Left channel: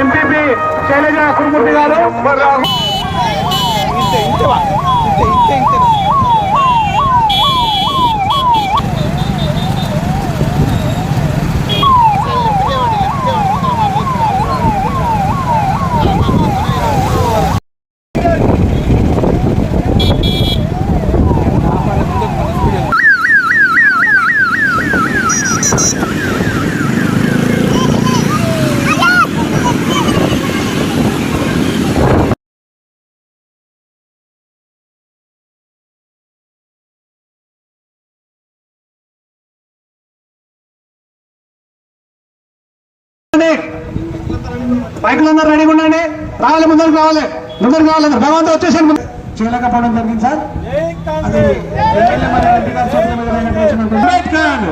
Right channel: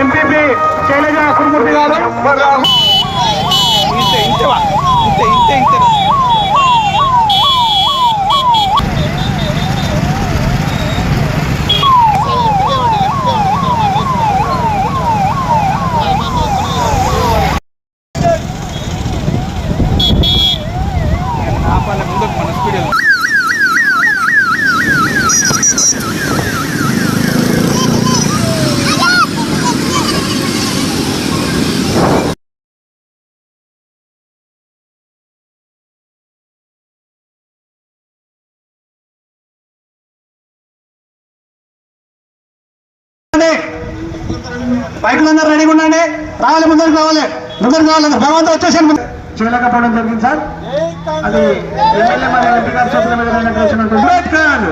MPP Shailaja Kurumurthy గారు. బైకులందరూ రెడీగా ఉండండి. రావాలి, ముందరికి రావాలి, ముందరికి రావాలి. భగవంతుడు వచ్చేసాను చేయలేకపోవడం జరిగింది సార్. అది ఎమ్మెల్యే మరియు ఎంపీ గారు చెప్పిన విధంగా అంబేద్కర్